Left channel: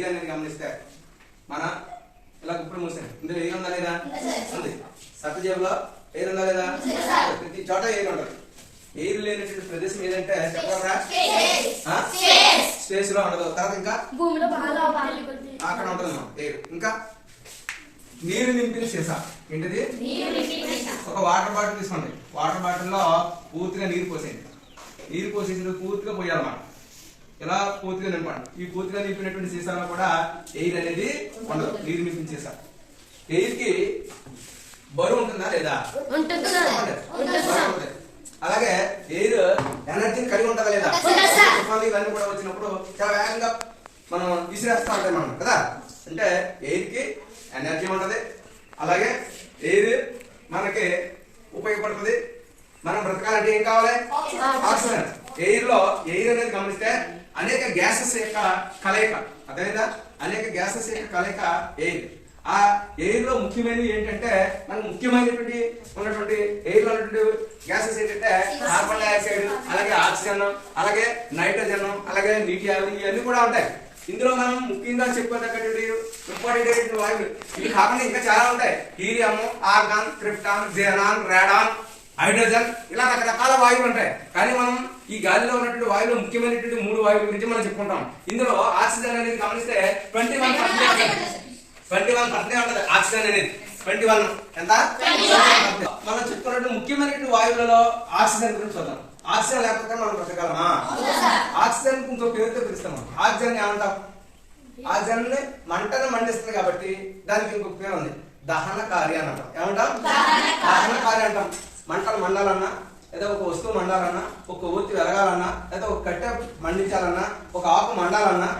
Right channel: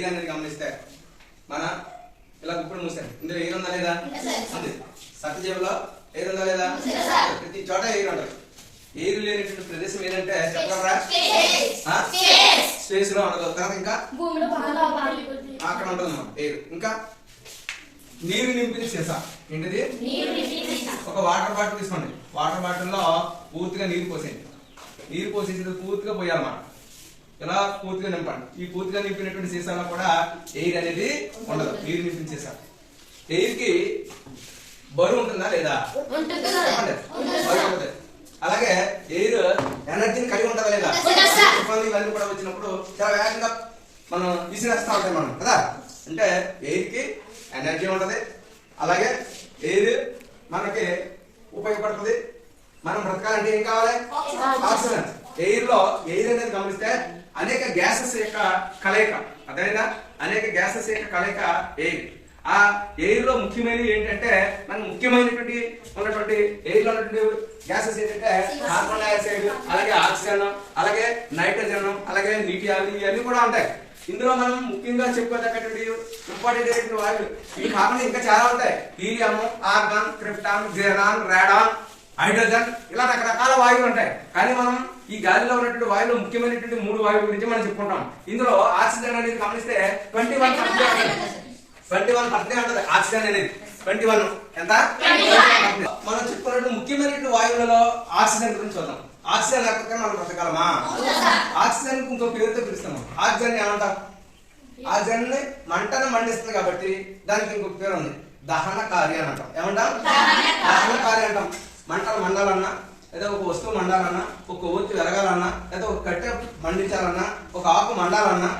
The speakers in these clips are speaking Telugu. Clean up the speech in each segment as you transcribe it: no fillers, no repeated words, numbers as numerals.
ఎయిర్ అనేది గమనిస్తే మన ఇలా గుప్పుడు మూసాను, ఇందులో ఎయిర్ ఉందా లేదా? ఉంది. సత్యజీవులో ఎయిర్ ఉందా లేదా? ప్రతి చోట ఎయిర్ ఉంటుంది. ఎయిర్ లేనటువంటి ప్రదేశం ఏదంటే చెప్పగలరా? స్పేస్ లో ఉండదు. తర్వాత ఇంకా అక్కడ ఉంటుంది ఎయిర్. ఇంకా నీరు నింపిన సీసా ఏంటిది? ఒక వాటర్ బాటిల్ తీసుకోండి. వాటర్ బాటిల్ లో పూర్తిగా నీరు పోసేయండి. నీరు పోసేసి పూర్తిగా పోయాలన్నమాట. ఇలా పూర్తిగా నింపండి. ఈ పూర్తిగా నింపినటువంటి సీసాలో కూడా ఎయిర్ అనేది ఉండదు. నీరు నింపిన సీసా. ఎయిర్ కి బరువు ఉంటుందా లేదా? అలాగే ఎయిర్ ఎనర్జీని కలిగి ఉంటుందా లేదా? ఇవన్నీ కూడా వచ్చినప్పుడు చాలా వేగంగా మనం విసిరేస్తా ఉంటాయి మనం కదా. అంటే ఎయిర్ కి ఎనర్జీ ఉంటది. అలాగే ఎయిర్ మనకి ఉపయోగపడుతుంది. మనం బ్రతకాలంటే ఏం కావాలి? ఆక్సిజన్. ఎయిర్ లో ఎయిర్ అనేది గమనిస్తే అనేక గ్యాసెస్ యొక్క కలయిక. అదేనా? అనేక గ్యాసెస్ యొక్క కలయిక ఎయిర్. ఆ ఎయిర్ లో ముఖ్యమైనవి ఏంటంటే మనకు ముఖ్యమైనటువంటి ఉన్నటువంటి ఎయిర్ లో ఉన్నటువంటి గ్యాసెస్ ఏంటంటే కార్బన్ డైఆక్సైడ్, అలాగే ఆక్సిజన్, అలాగే నైట్రోజన్, అలాగే నీటి ఆవిరి, ఇవన్నీ కూడా ఉంటాయి. ఇందులో మనం ముఖ్యంగా చెప్పుకోదగ్గటువంటి ఇంపార్టెంట్ అయినటువంటి వాయువులు ఇవి కాకుండా ఇంకా చాలా ఉంటాయి. హీలియం, ఆర్గాన్, క్రిప్టాన్, జిరాన్, రాడాన్, హైడ్రోజన్, ఇలా రకరకాల వాయువులు ఉంటాయి. కానీ మనం ఈ గాలిలో ఉన్నటువంటి వాయువులు ముఖ్యమైనటువంటి 3 వాయువుల గురించి మనం చెప్పుకుంటాం. ఇందులో ఆక్సిజన్ అనేది గమనిస్తే 21% ఉంటుంది. ఆక్సిజన్ అనేది 21 ఎంత? మనం చెప్పుకున్నట్టు ముఖ్యమైనటువంటి వాయువులలో ఆక్సిజన్ గురించి చూద్దాం. ఆక్సిజన్ లేకపోతే మనం బ్రతకగలమా? ఆక్సిజన్ ఇంకో పేరుతో పిలుస్తాము. ఆక్సిజన్ ఏమంటాం? ఆక్సిజన్ ని మంటను మండిస్తుంది కాబట్టి దానికి ఇంకొక పేరు ఉంది, దహనకారి అని అంటాం. ఏమంటాం? దహనకారి అంటాం. మంటలు మండాలన్నా, లేదా ఒక వస్తువు మండాలన్నా, ఒక ఒత్తి వెలగాలన్నా, లేదా ఒక కట్టె మండించాలన్నా, ఒక ఆకు మండాలన్నా,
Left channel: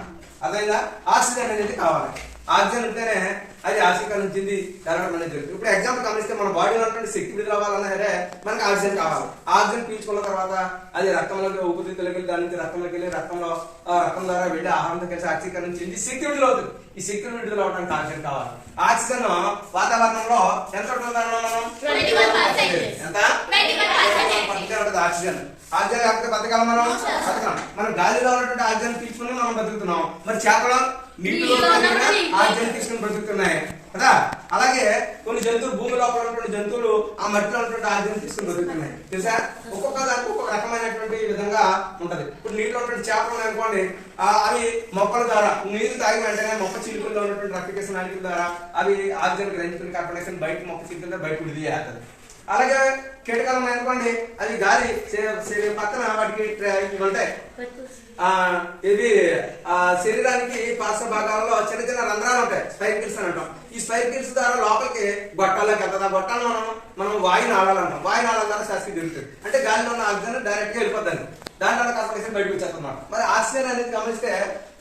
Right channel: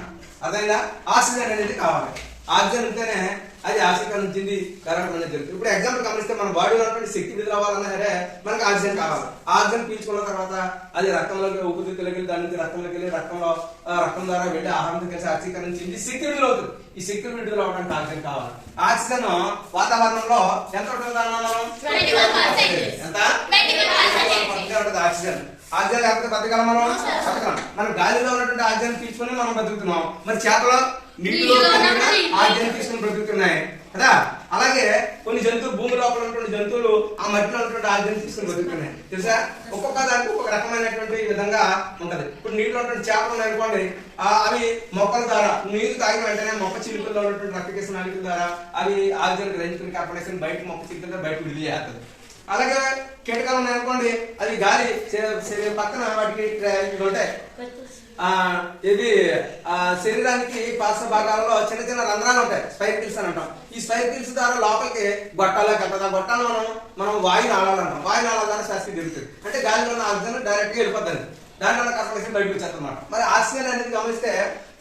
అదైనా ఆక్సిజన్ అనేది కావాలి. ఆక్సిజన్ ఉంటేనే అది ఆక్సీకరణ చెంది కరగడం అనేది జరుగుతుంది. ఇప్పుడు ఎగ్జాంపుల్ గమనిస్తే మన బాడీలో ఉన్నటువంటి శక్తి విడుదల అవ్వాలన్నా సరే మనకి ఆక్సిజన్ కావాలి. ఆక్సిజన్ పీల్చుకున్న తర్వాత అది రక్తంలోకి, ఊపిరితిత్తులోకి వెళ్ళి, దాని నుంచి రక్తంలోకి వెళ్ళి, రక్తం ద్వారా వెళ్ళి ఆహారంతో కలిసి ఆక్సీకరణ చెంది శక్తి విడుదల అవుతుంది. ఈ శక్తి విడుదల అవడానికి ఆక్సిజన్ కావాలి. ఆక్సిజన్ వాతావరణంలో ఎంత ఉంటుంది? ఎంత? ఆక్సిజన్. ఆక్సిజన్ లేకపోతే బతకాలి మనం? బతకలం. మనం గాలిలో ఉన్నటువంటి ఆక్సిజన్ తీసుకుని మనం బతుకుతున్నాం. మరి చేపలు నీటిలో ఆక్సిజన్ తీసుకుని బ్రతుకుతున్నాయి కదా. అలాగే కొన్ని జంతువులు, భూమి లోపల ఉన్నటువంటి జంతువులు ఆ మట్టిలో ఉన్నటువంటి ఆక్సిజన్ తీసుకుని బ్రతుకుతున్నాయి. తెలుసా? ఒక్కొక్క దానికి ఒక్కొక్క రకమైనటువంటి విధంగా ఉంటది. ఇప్పుడు నీటిలో ఉన్నటువంటి చేపలు ఉన్నాయనుకోండి, అవి మొక్కల ద్వారా నీరు తాగిన వెంటనే మొక్క చిలుకల్లో ఉన్నటువంటి రక్తకేశ నాళికల ద్వారా అవి ఆక్సిజన్ గ్రహించుకుని కార్బన్ డైఆక్సైడ్ బయట మొక్క చిలుకల బయట విడుదల చేస్తుంది. అలాగే కీటకాలు ఉన్నాయనుకోండి, అది గాలి పక్కన వాటికి ఇవి ఉంటాయి. ఇది శరీరానికి పార్శ్వ భాగాలలో చిన్న చిన్న రంధ్రాలు ఉంటాయి, స్పైర్కిల్స్ అని అంటాం. ఈ స్పైర్కిల్స్ ద్వారా లోపలికి గొట్టాల్లోకి వెళ్తుంది. ఆ గొట్టాలు మనం వాయు నాళాలు అంటాం. వాయు నాళాల ద్వారా శాస్త్రీయ తిరుగుతుంది. అంటే గాలిలో ఉన్న ఆక్సిజన్ డైరెక్ట్ గా వెళ్ళిపోతుంది. దానివల్ల కార్బన్ డైఆక్సైడ్ బయటకు వచ్చేస్తుంది అన్నమాట. మరి ఆక్సిజన్ అనేది గమనిస్తే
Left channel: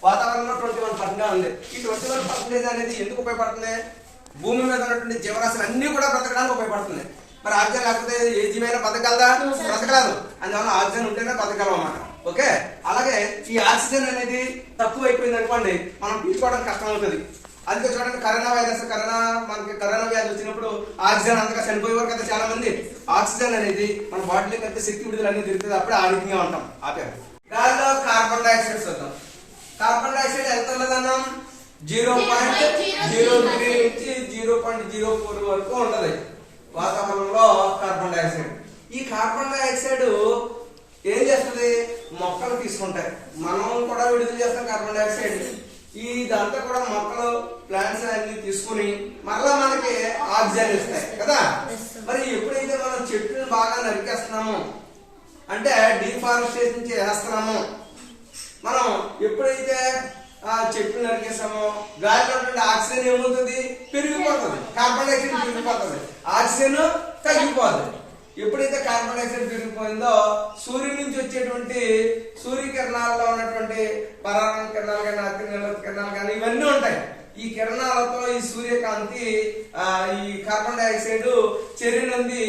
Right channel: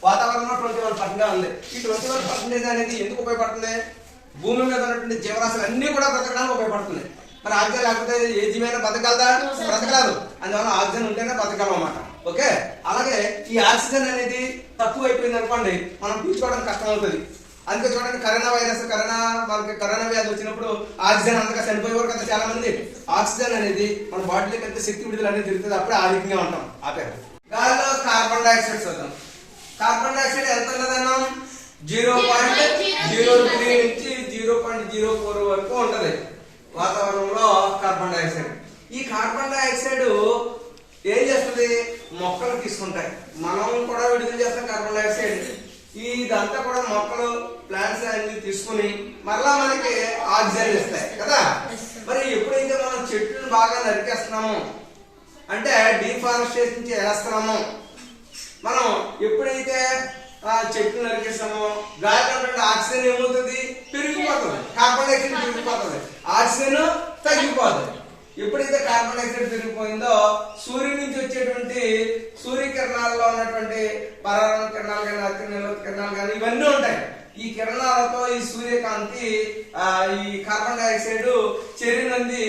వాతావరణంలో 21% ఉంది. ఈ 21% అనేది ఎందుకు ఉపయోగపడుతుంది? భూమి మీద ఉన్నటువంటి జీవరాశులు అన్ని కూడా బ్రతకడానికి ఉపయోగపడుతుంది. మరి ఆక్సిజన్ లేకపోతే ఏ జీవైనా బతకగలదా? బ్రతకలేదు. అందువల్ల ఆక్సిజన్ ఉంటేనే బతకగలం అన్నమాట. ఓకే. అలాగే ఈ ఆక్సిజన్ అనేది తక్కువ అయిపోయింది అనుకోండి, మనం పీల్చుకోవడం కష్టం అవుతుంది. అందుకే చూడండి, కరోనా వ్యాధి వచ్చినప్పుడు ఆక్సిజన్ అంతగా చనిపోయేవారు కదా చాలా మంది. ఆక్సిజన్ అనేది మన బాడీలోకి ఎంత శక్తి విడుదల అనేది తిరుగుతుంది, అప్పుడే ఆరోగ్యంగా ఉంటాం. ఆపేరు. గాలిలో కార్బన్ డైఆక్సైడ్ చూద్దాం. కార్బన్ డైఆక్సైడ్ ఎంత ఉన్నదన్నాం? 0.03 నుంచి 0.04 వరకు ఉంటది వాతావరణంలో కార్బన్ డైఆక్సైడ్. ఈ కార్బన్ డైఆక్సైడ్ ఏం చేస్తుంది? మొక్కలు తీసుకుంటాయి. మనం కూడా విడుదల చేస్తాం కార్బన్ డైఆక్సైడ్. ఇదంతా కూడా మొక్కలు, ప్లాంట్స్ అన్ని తీసుకుని మరలా మనకి ఆక్సిజన్ ఇస్తాయి కదా. మరి ఎప్పుడైతే మనం చెట్లను బాగా నరికేస్తున్నాము, అంటే డిఫారెస్టేషన్ చేస్తున్నాము, మనం ఎప్పుడైతే చెట్లు నరికేస్తామో గాలిలో ఆక్సిజన్ ఏమవుతుంది? పెరిగిపోతుంది. కార్బన్ డైఆక్సైడ్ పెరిగిపోతుంది, ఆక్సిజన్ తగ్గిపోతుంది. ఎప్పుడైతే కార్బన్ డైఆక్సైడ్ పెరిగిపోయిందో సూర్యుడి నుంచి వచ్చేటువంటి సూర్యకిరణాలలో ఉన్నటువంటి పరాన్న కిరణాలు కానీ, అతినీలత కిరణాలు కానీ ఇవన్నీ ఉంటాయి. ఈ కిరణాలతో ఈ సూర్యకాంతి ఈ కార్బన్ డైఆక్సైడ్ చర్యనంది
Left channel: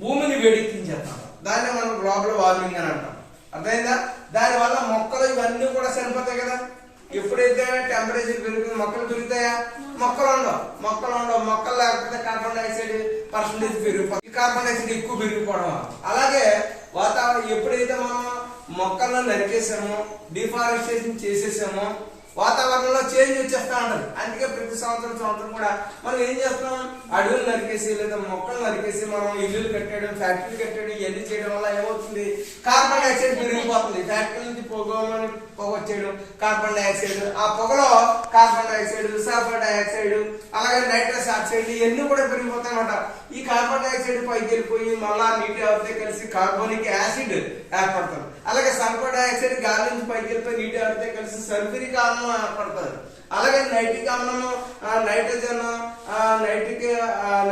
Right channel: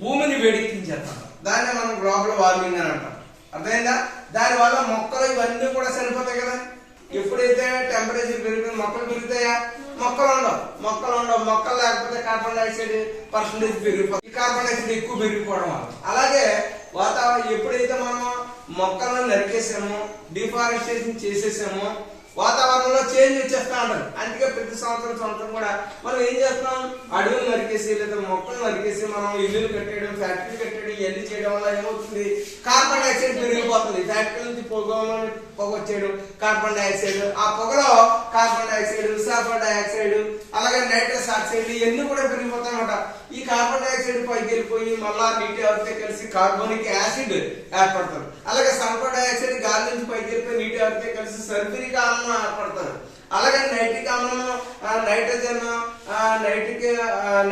భూమిని వేడెక్కించేస్తాం. దాన్ని మనం గ్లోబల్ వార్మింగ్ అని అంటాం. అర్థమైందా? దాని వల్ల మొక్కలు ఇవన్నీ కూడా చనిపోతాయి కదా. ఎప్పుడైతే టెంపరేచర్ పెరుగుతుంది మొక్కలు పెరుగుతాయా? మొక్కలు ఉండవు. మొక్కలు లేకపోతే కార్బన్ డైఆక్సైడ్ పర్సెంటేజ్ పెరిగిపోతుంది. ఈ కార్బన్ డైఆక్సైడ్ ఎక్కువ పెరిగిపోవడం వల్ల. అలాగే వాతావరణం ఎప్పుడైతే మనం మొక్కలను నరికేసామో, డిఫారెస్టేషన్ చేసేసామో, వాతావరణంలో చేంజ్ వచ్చేస్తా ఉంటది. అందుకే ప్రతి సంవత్సరం కూడా మనం ఏం చేస్తున్నాం, అడవులు నరికేసి లేదా మొక్కలు నరికేసి మనం ఇల్లులు కట్టేయడం, ఫ్యాక్టరీ కట్టేయడం, ఇవన్నీ చేయడం వల్ల ఏమవుతుంది, కార్బన్ డైఆక్సైడ్ పెరిగిపోతుంది. ఫ్యాక్టరీ నుంచి పొగ వచ్చేయడం కార్బన్ డైఆక్సైడ్, ఆ పొగలో కార్బన్ డైఆక్సైడ్, సల్ఫర్ డైఆక్సైడ్, అలాగే నైట్రస్ ఆక్సైడ్ ఇవన్నీ కూడా పెరిగిపోతాయి అన్నమాట. ఈ కార్బన్ డైఆక్సైడ్ పైకి వెళ్ళిపోయి మళ్ళా నీటి ఆవిరితో కలిసి కార్బోనిక్ యాసిడ్ ఏర్పడుతుంది. అలాగే సల్ఫర్ డైఆక్సైడ్ గాలి నుంచి పైకి వెళ్ళిపోయి నీటి ఆవిరితో కలిసి సల్ఫ్యూరిక్ ఆమ్లం ఏర్పడుతుంది. అలాగే నైట్రిక్ ఆమ్లం,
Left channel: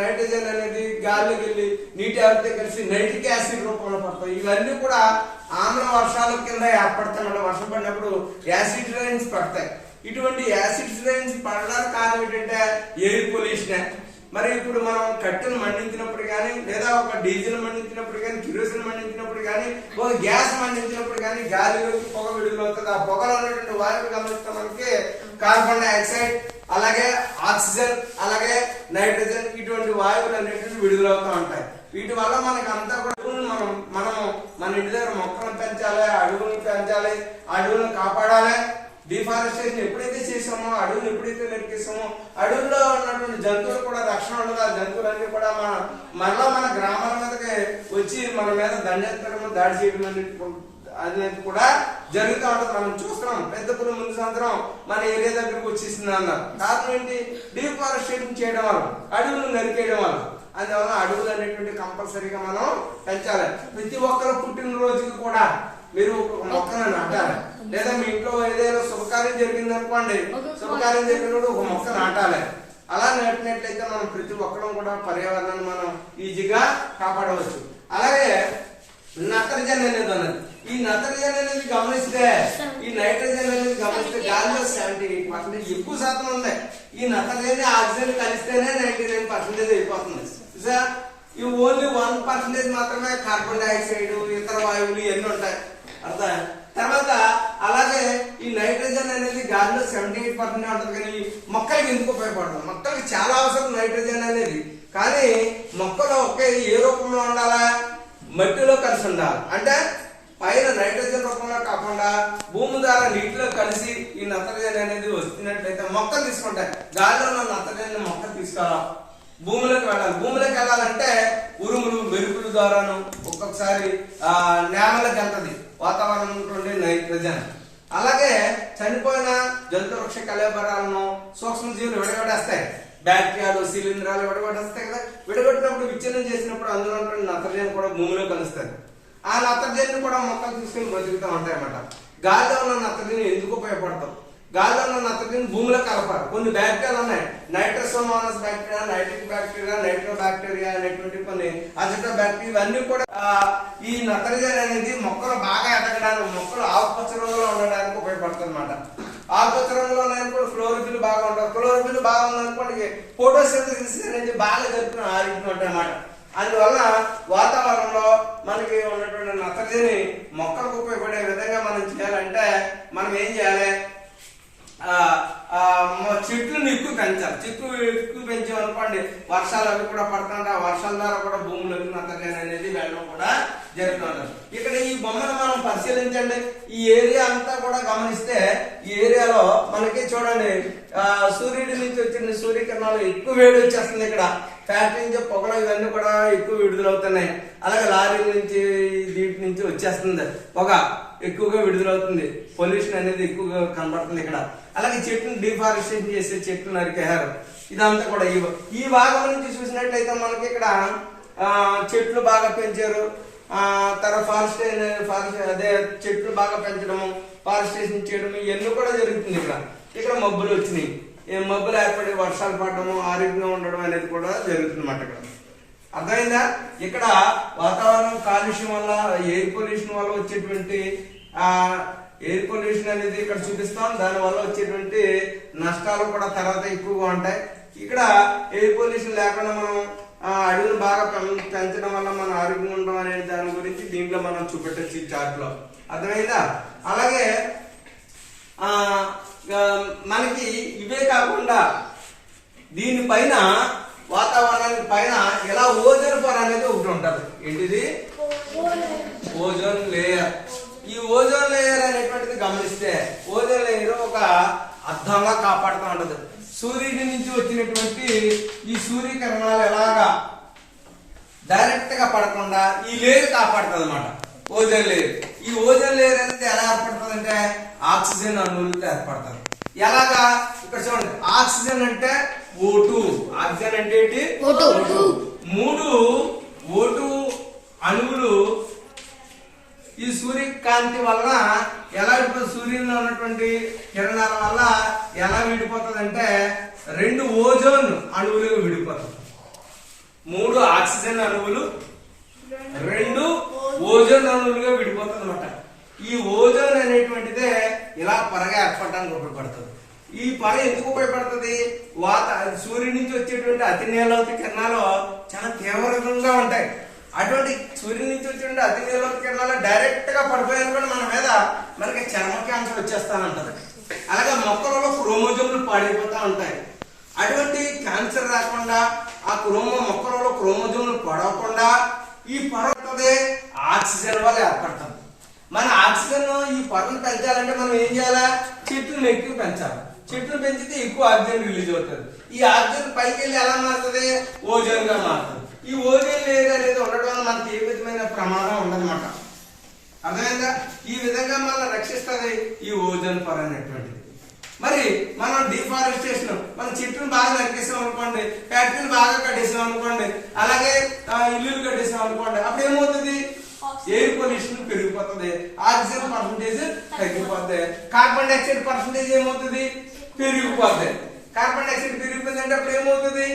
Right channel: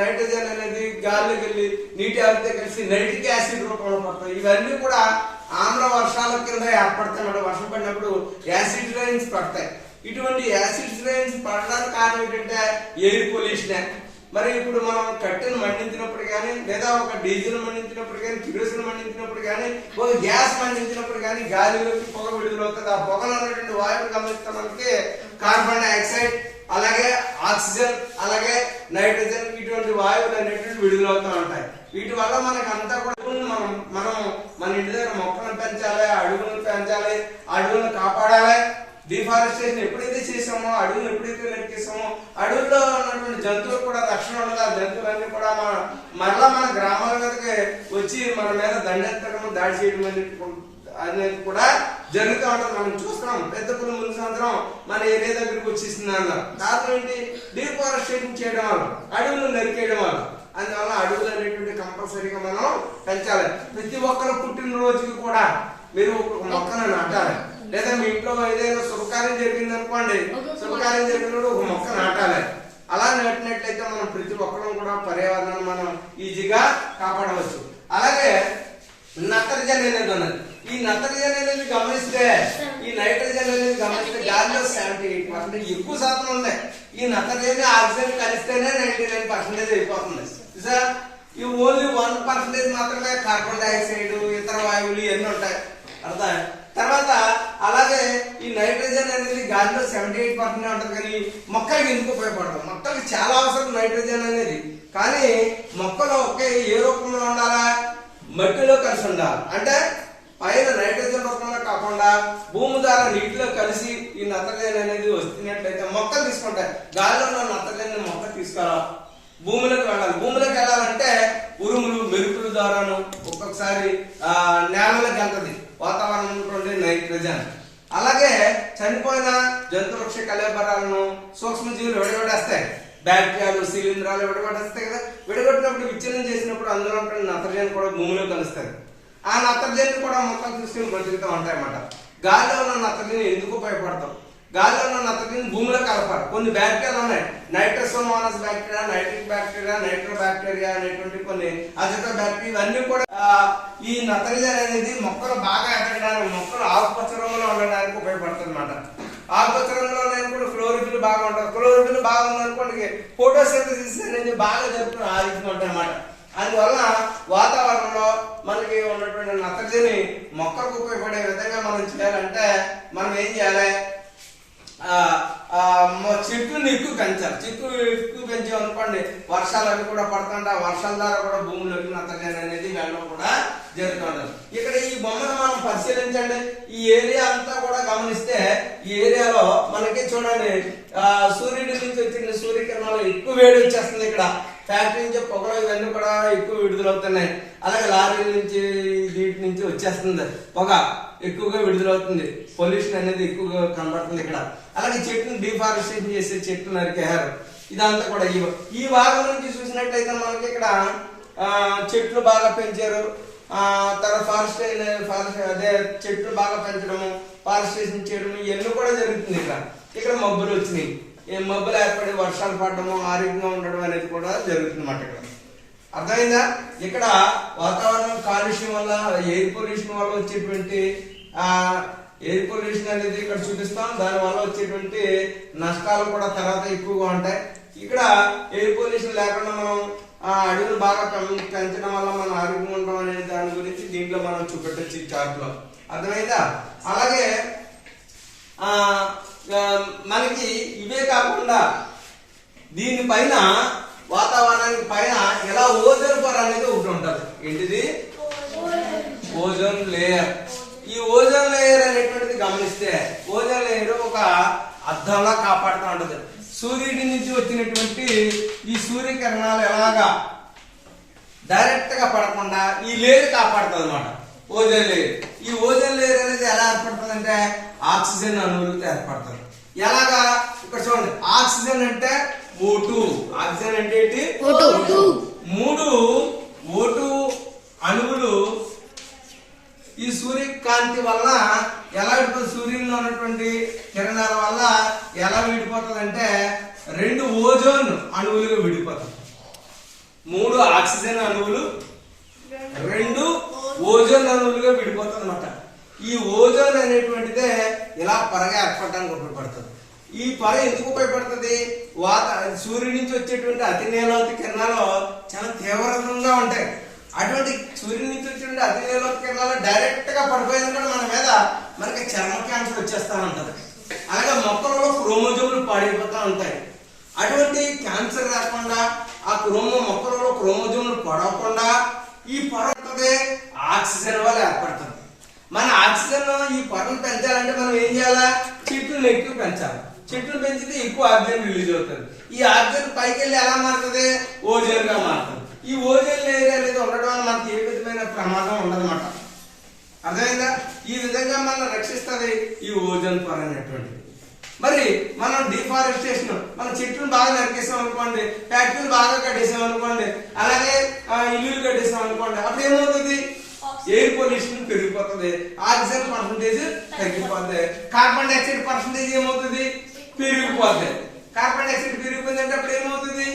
నైట్రోజన్ అనేది గాలిలోకి వెళ్ళి నీటి ఆవిరితో కలిసి నైట్రిక్ యాసిడ్ రూపంలో పడతాయి. ఇవన్నీ కూడా ఆమ్ల వర్షాల కింద ఏర్పడతాయి. వర్షం పడినప్పుడు యాసిడ్ రైన్స్ పడతాయి. ఇటువంటి యాసిడ్ రైన్స్ పడడానికి కారణం ఏంటంటే ఎయిర్ పొల్యూషన్. మరి ఇప్పుడు మనం కట్టెను మండించినప్పుడు కానీ, లేదా ఒక డీజిల్ మండించినప్పుడు కానీ, కిరోసిన్ మండించినప్పుడు కానీ, ఒక గ్యాస్ మండించినప్పుడు కానీ గాలిలోకి పొగ విడుదలవుతుంది. ఆ పొగలు అనేటువంటి వాయువులు గమనిస్తే మనకి కార్బన్ డైఆక్సైడ్, అలాగే ఆక్సిజన్, అలాగే నైట్రోజన్ ఇటువంటి వాయువులు అనేటువంటి విడుదలవుతూ ఉంటాయి. వీటి వల్ల మనకి అంతా కూడా మనం మన ఇంటి దగ్గర మొక్కలను పెంచాలి, అడవులను పెంచాలి, అడవులను కాపాడాలి. డిఫారెస్టేషన్ ఎప్పుడైతే చేసామో, అడవులు ఎప్పుడైతే నరికేసామో, అడవుల్లో ఉన్నటువంటి జంతువులు కూడా రక్షణ ఉండదు. ఆ జంతువులన్నీ కూడా మరలా మన గ్రామాల మీదకి వచ్చి మన మీద దండెత్తడం, దాడి చేయడం అనేది కూడా జరుగుతూ ఉంటుంది. మనం చూస్తున్నాం. పెద్ద పులి ముందు సంవత్సరం మన ఏరియా దగ్గరకు వచ్చేసింది అన్నారు. కారణం ఏంటి, డిఫారెస్టేషన్ చేయడం వల్ల, అడవులు నరికేయడం వల్ల. అందువల్ల అడవులు అనేటువంటి కంపల్సరీగా మనం పెంచాలి. ప్రతి ఒక్కరు పుట్టినరోజుకి కూడా మీరు ఒక మొక్కను నాటాలి. లేదా మీ ఇంట్లో ఏదైనా శుభకార్యం జరిగింది అనుకోండి, శుభకార్యం జరిగినప్పుడు ఒక మొక్క నాటాలి. అలా నాటినట్లయితే మనం ప్రతి ఒక్కరం కూడా పర్యావరణాన్ని మనం ఈజీగా కాపాడవచ్చు. అలాగే నత్రజని అనేది ఉన్నది. ఈ నత్రజని అనేది గమనిస్తే, ఈ నైట్రోజన్ అనేది గమనిస్తే గాలిలో 78% ఎక్కువ శాతం ఉంది. ఈ నత్రజని ఆక్సిజన్ కలిస్తేనే 99% అయిపోతుంది. ఈ ఓన్లీ 1% మాత్రమే కార్బన్ డైఆక్సైడ్, ఇతర వాయువులు ఇవన్నీ ఉంటాయి. అర్థం. తర్వాత అలాగే ఈ నైట్రోజన్ అనేది గాలిలో 78% ఉంటుంది. కానీ మొక్కలకి ఎందుకు ఉపయోగపడదు? మొక్కలకి చాలా అవసరం నైట్రోజన్ అనేది. కానీ మొక్కలో ఒకే ఏ రూపంలో ఉండాలా, మట్టిలో కలిసి ఉండాలి. అంటే పైన నైట్రోజన్ రూపంలో కాకుండా భూమి ద్వారా నీటిలో కలిసి ఈ నత్రజని అనేది వస్తున్నట్లయితే మొక్కలు తీసుకుంటాయి. గాలిలో ఉన్న నత్రజని మొక్కలు తీసుకురావాలి, భూమిలోకి వెళ్ళాలి. భూమిలోకి వెళ్ళాలంటే ఉరుములు, మెరుపుల ద్వారాను ఒక్కొక్కసారి నేలలోకి వెళ్తుంది వాతావరణం నుండి నైట్రోజన్. అలాగే చనిపోయిన జంతువృక్ష కళేబరాలను సూక్ష్మజీవులు విడగొట్టేస్తాయి. బ్యాక్టీరియాలు, శిలీంధ్రాలు విడగొట్టేస్తాయి కదా. విడగొట్టినప్పుడు విచ్ఛిన్నం చేసినప్పుడు అందులో ఉంటున్న నత్రజని కూడా భూమిలో కలుస్తాయి. ఆ నత్రజని కూడా మొక్కలు తీసుకుని బ్రతుకుతూ ఉంటాయి అన్నమాట. గాలిలో ఉన్న నత్రజని ఎందుకు ఉపయోగపడతాం? గాలిలో ఉన్న నత్రజని భూమిలో కలపాలి. కొన్ని బ్యాక్టీరియాలు ఉన్నాయి, Nitrosomonas bacteria, nitric bacteria, nitro bacteria అనేటువంటి కొన్ని అజిటో బ్యాక్టీరియా, ఇవన్నీ కూడా ఈ నత్రజని అనేది మొక్కలు బాగా ఎదగడానికి, మొక్కలు ఆకుపచ్చ రంగులో ఉండడానికి ఉపయోగపడుతుంది అన్నమాట. ఆకుపచ్చ రంగులో ఉన్నప్పుడు క్లోరోఫిల్ బాగా ఉంటుంది. క్లోరోఫిల్ బాగా ఉందనుకోండి ఫోటోసింథసిస్ అనేది బాగా జరుగుతున్న ఆరోగ్యం ఉంటాయి అన్నమాట. అందువల్ల వాతావరణంలో మనకి ఉన్నటువంటి నత్రజని మొక్కలకు ఉపయోగపడే విధంగా మనం చేయాలంటే మనం ఏం చేయాలి, చెట్లను ఎక్కువ పెంచాలి. చెట్లు ఎక్కువ పెంచామనుకోండి వర్షాలు అవి కూడా పడుతుంటే ఆ వర్షాల ద్వారా కూడా భూమిలోకి నత్రజని అనేది వెళ్ళడం కూడా జరుగుతుంటది. ఇక్కడ ఈ బొమ్మను మనం పరిశీలించండి. ఈ ఏరియా అంతా కూడా గమనిస్తే ఈ ఏరియాలో మనకి చూడండి సూర్యుడి నుంచి వచ్చిన సూర్యకిరణాలు ఎక్కువ వేడి వచ్చేస్తుంది. ఇక్కడ ఫ్యాక్టరీ నుంచి పొగలు ఇవన్నీ కూడా ఎక్కువ విడుదలవుతున్నాయి. అలాగే లారీల నుంచి వీటి నుంచి వచ్చేస్తుంది పొగ ఎక్కువగా విడుదలవుతుంది. పొల్యూషన్ అనేది ఎక్కువగా కనబడుతుంది ఇక్కడ. అలాగే చెట్లను డిఫారెస్టేషన్ చేసే చెట్లు నరికేశారు. ఇదంతా కూడా ఈ భాగం నుంచి చూసినట్లయితే మనకి ఇక్కడ చెట్లు బాగా పెంచారు. తర్వాత ఫారెస్ట్ అదే చెట్లు బాగా పెంచడము, ఫారెస్టేషన్ చేయడం ఇవన్నీ కూడా జరుగుతుంది. ఇక్కడ మబ్బులు వచ్చినాయి. మబ్బులు ఏర్పడి వర్షాలు పడడము, ఆరోగ్యంగా ఉండడం అనేది కూడా జరుగుతుంది అన్నమాట. ఇక్కడ అర్థమైందా? ఇక్కడ వాతావరణం కాలుష్యం వల్ల, ఎయిర్ పొల్యూషన్ వల్ల వచ్చేటువంటి ఎయిర్ పొల్యూషన్ అనేది ఇక్కడ చూపిస్తాం. దాని వల్ల వచ్చేటువంటి నష్టాలు కూడా తర్వాత ఎక్కువగా ఉంటాయి. ఇక్కడ ఎయిర్ పొల్యూషన్ లేకుండా మనం అడవులు బాగా పెంచడం వల్ల మన ఆరోగ్యంగా ఉండడం అనే దాని గురించి దీంట్లో మనం చూపెట్టచ్చు చార్ట్ లో. అర్థమైందా? అలాగే మనకి ఇవే కాకుండా దీనిపైన వాతావరణానికి పైన ఇలా ఓజోన్ పొర అనేది ఒకటి ఉంటది. ఏంటిది? Ozone layer. ఈ ఓజోన్ లేయర్ అనేటువంటిది గమనిస్తే ఓజోన్ లేయర్ ఒక అద్దంలా కాపాడుతూ ఉంటది. సూర్యుడి నుంచి వచ్చినటువంటి ఈ సూర్యకిరణాలు ఎలాగా డైరెక్ట్ గా పడకుండా ఈ లేయర్ కాపాడుతుంది అనమాట, ఓజోన్ లేయర్. ఈ ఓజోన్ లేయర్ అనేది ఎలా ఏర్పడుతుంది అంటే ఆక్సిజన్ అణువులతో ఏర్పడుతుంది. ఎలాగా ఇక్కడ చూడండి, ఆక్సిజన్ అంటే O2, ఆక్సిజన్ అంటే ఏంటి? O2. 3 O2 అణువులు ఈ సూర్యకాంతి వల్ల ఎలా విడిపోతుంది, సూర్యుల్లో ఉన్నటువంటి కిరణాల వల్ల ఎలా విడిపోతుంది అంటే 2 ఓజోన్ అణువులుగా విడిపోతుంది. 3 ఆక్సిజన్ అణువులు 2 ఓజోన్ అణువులుగా విడిపోతుంది అనమాట. ఈ ఓజోన్ అనేటువంటిదే ఇలా పొరగా ఏర్పడడానికి ఉపయోగపడుతుంది. ఈ పొర ఎందుకు ఉపయోగపడుతుంది? సూర్యుడి నుంచి వచ్చేటువంటి అతి నీలలోత కిరణాలు చాలా తీవ్రంగా ఉంటాయి. అటువంటి సూర్యుడి నుంచి వచ్చేటువంటి అతి నీలలోత కిరణాలు డైరెక్ట్ గా పడిపోయాయనుకోండి మన మీద, మనకి చర్మ క్యాన్సర్ వచ్చేస్తా ఉంటది. అలాగే మొక్కలలో క్రోమోజోములు పాడైపోతా ఉంటాయి. అటువంటి క్యాన్సర్ రాకుండా ఆ మొక్కలలో క్రోమోజోములు పడకుండా ఈ పొర ఆక్సిజన్ వల్ల ఏర్పడుతుంది. మన ఆక్సిజన్ ఈ పొరను పెంచాలంటే మనం ఏం చేయాలా? చెట్లను ఎక్కువ పెంచాలి. చెట్లు పెంచితే ఎక్కువ ఆక్సిజన్ రిలీజ్ అవుతుంది. ఈ ఆక్సిజన్ పైకి వెళ్ళి ఎలా మారుతుంది? ఓజోన్ గా మారుతుంది. ఈ ఓజోన్ లేయర్ అనేది ఉండడం వల్ల మనకి ఏ విధమైన ప్రమాదం ఉండదన్నమాట. అర్థమైందా? ఈ విధంగా మనం రక్షిస్తుంది ఈ ఓజోన్ పొర అనేటువంటిది. మరి మనం డిఫారెస్టేషన్, మన చెట్లను బాగా నరికేసాం అనుకోండి, ఫ్యాక్టరీలు బాగా కట్టేసాం అనుకోండి, అలాగే ఇల్లులు కట్టేసాం అనుకోండి, అప్పుడు ఏమవుతుంది? ఎయిర్ పొల్యూషన్ పెరిగిపోతుంది, ఆక్సిజన్ పర్సంటేజ్ తగ్గిపోతుంది, కార్బన్ డైఆక్సైడ్ పర్సంటేజ్ ఏమవుతుంది? పెరిగిపోతుంది. కార్బన్ డైఆక్సైడ్ పెరిగిపోయిందంటే అప్పుడు ఏమవుతుంది?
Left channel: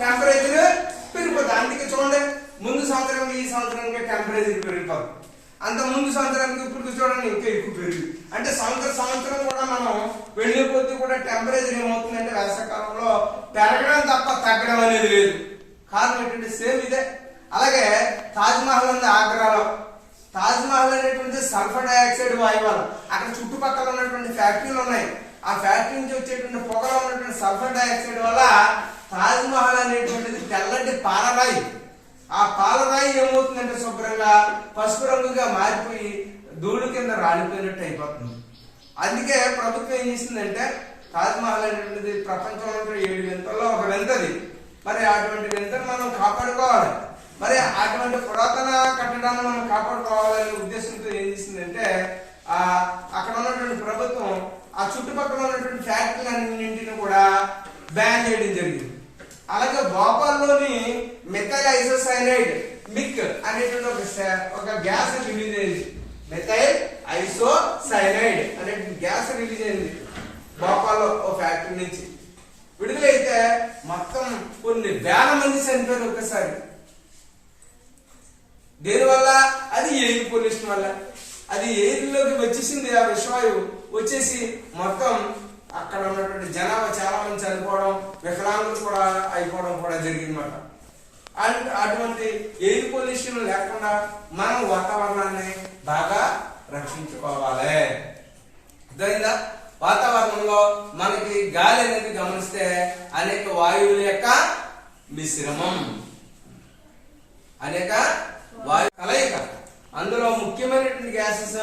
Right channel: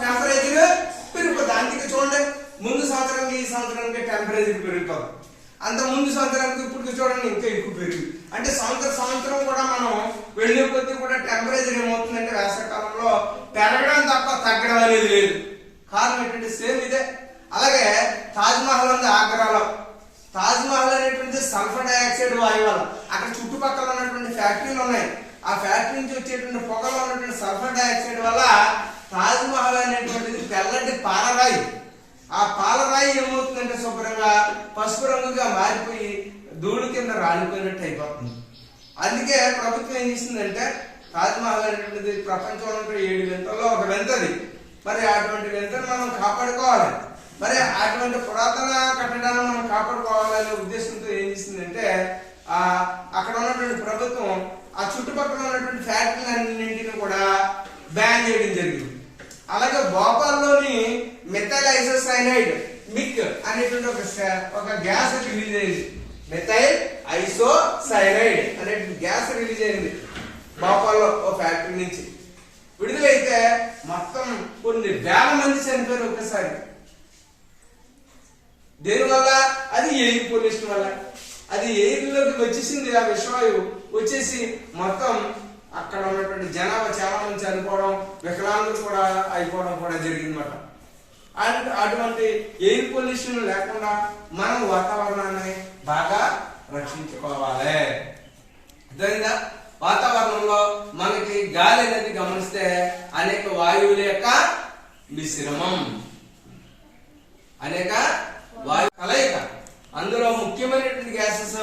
టెంపరేచర్ పెరిగిపోతుంది. అందుకే చూడండి, ముందు సంవత్సరానికి ఈ సంవత్సరానికి టెంపరేచర్ పెరిగిపోతుంది. అంత ముందు సంవత్సరానికి ఇప్పుడు చూడండి ఇంకా ఎక్కువ పెరిగింది. అంటే సంవత్సరం కూడా మనం వెళ్లే కొద్దీ కూడా టెంపరేచర్ ఏమవుతుందంటే వేసవికాలంలో పెరగడం తప్ప తగ్గడం అనేది లేదు. కారణం ఏంటంటే సేమ్ ఇదే. అలాగే తాజ్మహల్ ఉంది ఆగ్రాలో. తాజ్మహల్ అనేటువంటి సల్ఫర్ డైఆక్సైడ్ వాయువు వల్ల, అక్కడ చుట్టుపక్కల ఉన్నటువంటి ఫ్యాక్టరీలు ఉన్నాయి, ఆ ఫ్యాక్టరీ నుంచి వచ్చేటువంటి పొగలో ఉన్నటువంటి సల్ఫర్ డైఆక్సైడ్ వల్ల తాజ్మహల్ అనేటువంటిది తెల్లటి పాలరాయి, ఆ పాలరాయి ఏమవుతుందంటే శుభ్రంగా పసుపు రంగుగా మారిపోయి ధూళి కింద రాలిపోయినట్టు అయిపోతుంది. అందుకే ప్రభుత్వం ఏం చేసిందంటే తాజ్మహల్ అనేటువంటిది ప్రపంచంలో 7 వింతల్లో ఒక వింతది. మరి అటువంటి వింతను మనం కాపాడుకోవాలి. మరి అటువంటి పురాతన కట్టడాన్ని మనం కాపాడుకోవాలనే ఉద్దేశంతో ఏం చేసిందంటే అక్కడ ఉన్నటువంటి ప్రభుత్వం ఆ చుట్టుపక్కల ఉన్నటువంటి ఫ్యాక్టరీలన్నింటిని కూడా బ్యాన్ చేయడం జరిగింది. అలాగే భోపాల్లోని మెథైల్ ఐసోసైనైడ్ మిక్ అనేటువంటి ఒక గ్యాస్ రిలీజ్ అయింది. మెథైల్ ఐసోసైనైడ్ అనే గ్యాస్ రిలీజ్ అయింది భోపాల్లో ఓ ఫ్యాక్టరీ నుంచి. విడుదలైతే మొత్తం కొన్ని వేల మంది చనిపోయారు ఒక్కసారి. దేనివల్ల? అది ఎయిర్ పొల్యూషన్ వల్ల. అది ఎయిర్ లోకి వచ్చేసింది, ఆ విషవాయువు వచ్చేసి మొత్తం అక్కడ ఉన్నటువంటి జనాభా చాలా మంది చనిపోవడం, వికలాంగులు కూడా అయిపోవడం కూడా జరిగిందన్నమాట. అండ్ అటువంటి ఎయిర్ పొల్యూషన్ లేకుండా మనం వాతావరణాన్ని బాగా రక్షించుకోవాలి. అర్థమైందా? వాతావరణంలో మనకి గాలి అనేది గమనిస్తే అనేక వాయువుల యొక్క మిశ్రమం, అనేక వాయు కలయిక. అందులో ముఖ్యమైనటువంటి గ్యాసెస్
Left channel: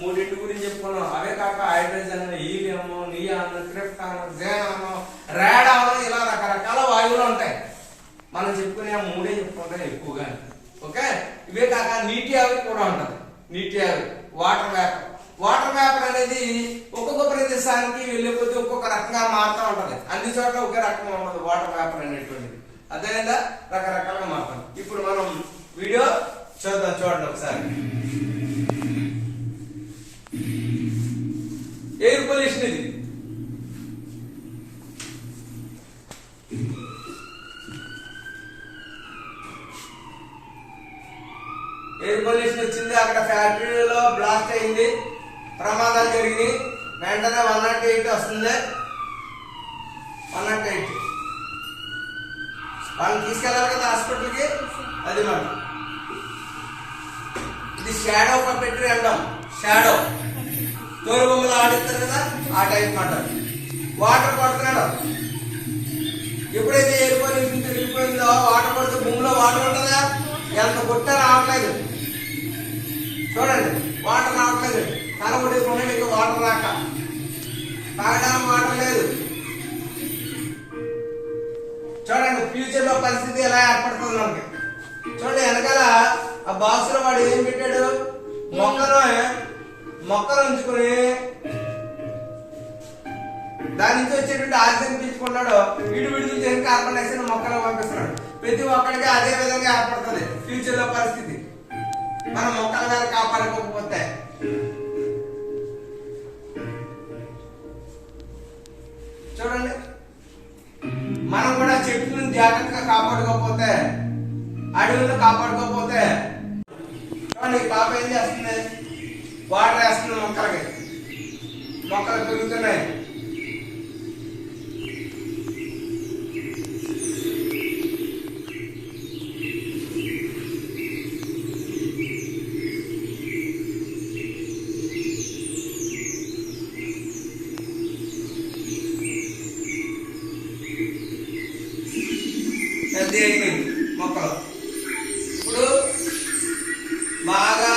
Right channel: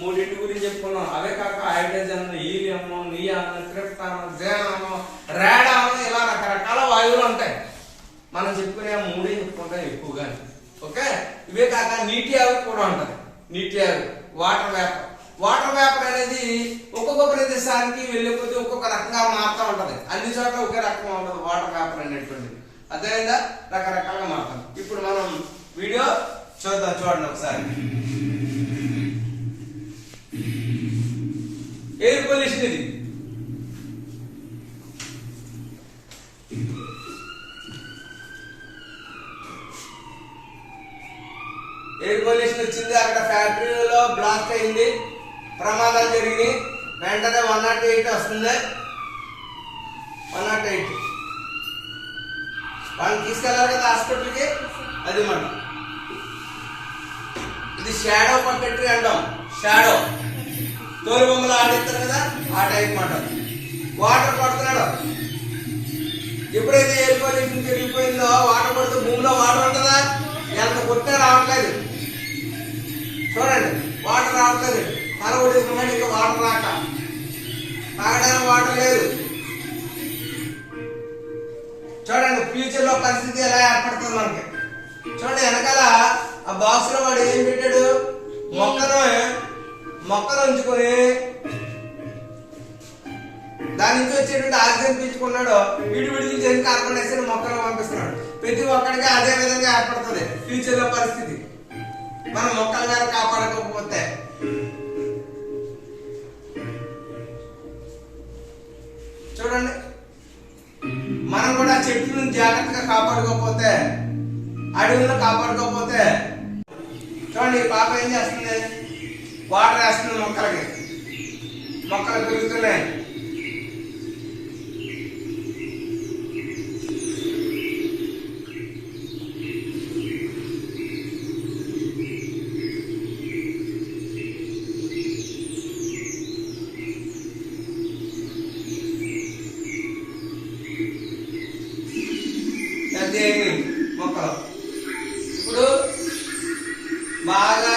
3 గురించి చెప్పుకున్నాం. అవే కాక hydrogen, helium, neon, krypton, xenon, radon, ఇలా రకరకాల వాయువులు ఉంటాయి. మనం చెప్పుకునే 3 చెప్పుకుంటాం ఎక్కువగా. ఓకే, ఇవే కాక నీటి ఆవిరి కూడా ఉంటుంది. నీటి ఆవిరి, వాటర్ వేపర్. వాటర్ వేపర్ అనేది ఒక్కొక్క ప్రదేశానికి వెళ్ళే కొద్దీ ఒక్కొక్క రకంగా మారుతూ ఉంటది. అన్ని చోట్ల ఒకే రకంగా ఉండదు వాటర్ వేపర్ అనేటువంటిది. అదేవిధంగా రకరకాలుగా మారుతాం. ఇప్పుడు మనం వీడియో చూడండి ఒకసారి. ఎయిర్ పొల్యూషన్ ఇది. ఎయిర్ పొల్యూషన్ వచ్చింది, అక్కడ ఫ్యాక్టరీలో బ్లాస్ట్ అయింది, ప్రమాదాలు జరిగినాయి. వెంటనే 108 వస్తుంది. 108 వాళ్ళని తీసుకెళ్ళాలి కదా హాస్పిటల్కి. అది మనం ఇది షాడో పప్పెట్రీ అంటాం. షాడో తోలు బొమ్మలు ఆడిస్తారు కదా, ఆ టైప్ మాట. వాటర్ పడుతున్నాడు. ఎప్పుడైతే ఎయిర్ పొల్యూషన్ పెరిగిపోయిందో వాటర్ పడితే భూమిలో వాటర్ ఉంటుందా? ఎంత కొట్టా రావట్లేదు. చూడండి, వాటర్ రావట్లేదు. తల ఒడేసుకుంటే ఇంకా వాటర్ రాక తాగడానికి వాటర్ లేదు. చూడండి ఫ్యూచర్ లో పరిస్థితి ఎలా ఏర్పడుతుంది మనకి. చూడండి వెనకాల ఆ బాక్స్ లో వాడు ఏం పెట్టాడు, మొక్కను ఉంచుకొని దాని నుంచి వచ్చేటువంటి ఆక్సిజన్ పీల్చుకున్నాడు, విడివిడికి చేసి కార్బన్ డైఆక్సైడ్ మొక్కలకు పంపిస్తున్నాడు. ప్రతి ఒక్కడికి అదే విధంగా ఏర్పడుతుంది ఫ్యూచర్ లో పరిస్థితి మనం మొక్కల ద్వారా కాపాడుకోకపోతే. చూడండి మనం కూడా చెట్లను జాగ్రత్తగా కాపాడుకోకపోతే, అడవులను కాపాడుకోకపోతే. చూడండి ఈ పాప ఏం చేస్తుంది, వాటర్ వేస్తుంది మొక్కలు పెరుగుతున్నాయి. పెద్ద అయిపోయింది మొక్కలు. ఇప్పుడు బాగా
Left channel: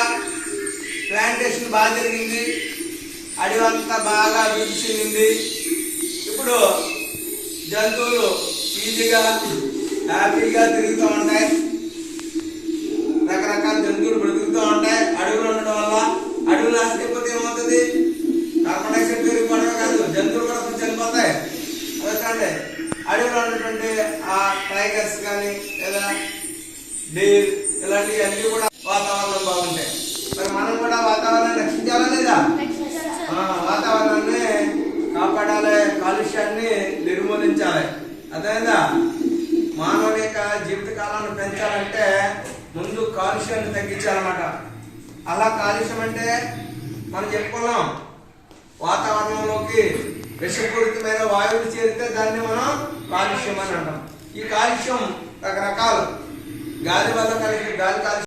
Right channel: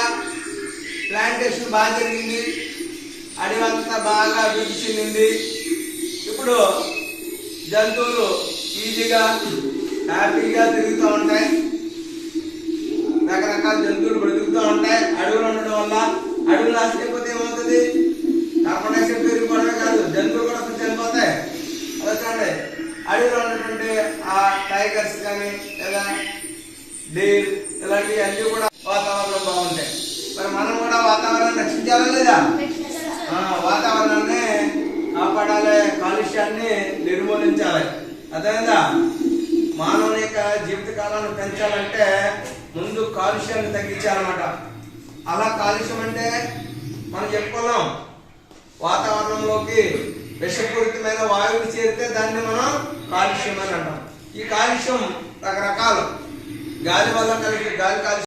ప్లాంటేషన్ బాగా జరిగింది, అడవంతా బాగా అభివృద్ధి చెందింది. ఇప్పుడు జంతువులు ఈజీగా హ్యాపీగా తిరుగుతూ ఉంటాయి, రకరకాల జంతువులు బ్రతుకుతూ ఉంటాయి. అడవులు ఉండడం వల్ల అడవులు నష్టపోతే ఏమవుతుంది, కార్బన్ డైఆక్సైడ్ పెరిగిపోవడమే కాదు జంతువులు కూడా చనిపోతాయి. అలా చూడండి అడవులు ఉన్నటువంటి ఆ టైగర్స్ కానీ లేదా డేర్ ఇలాంటివి అన్ని కూడా వాతావరణం బాగుంటాయి. మరి మనం కూడా వాతావరణాన్ని రక్షించాలి లేదా, వాతావరణాన్ని కాపాడాలి, కాలుష్యాన్ని నిర్మూలించాలి. అదేవిధంగా మానవుని యొక్క జీవిత కాలాన్ని పెంచాలంటే ముందు కాలుష్యాన్ని తగ్గించాలన్నమాట. అలా కాలుష్యం అంటే మనం చెప్పుకున్నాం, వాతావరణంలోకి విషపూరితమైన వాయువులు చేరితే దాన్ని మనం కాలుష్యం అని అంటాం. ఈ కాలుష్యం రకరకాలు, గాలి వల్ల కలిగే గాలి కాలుష్యం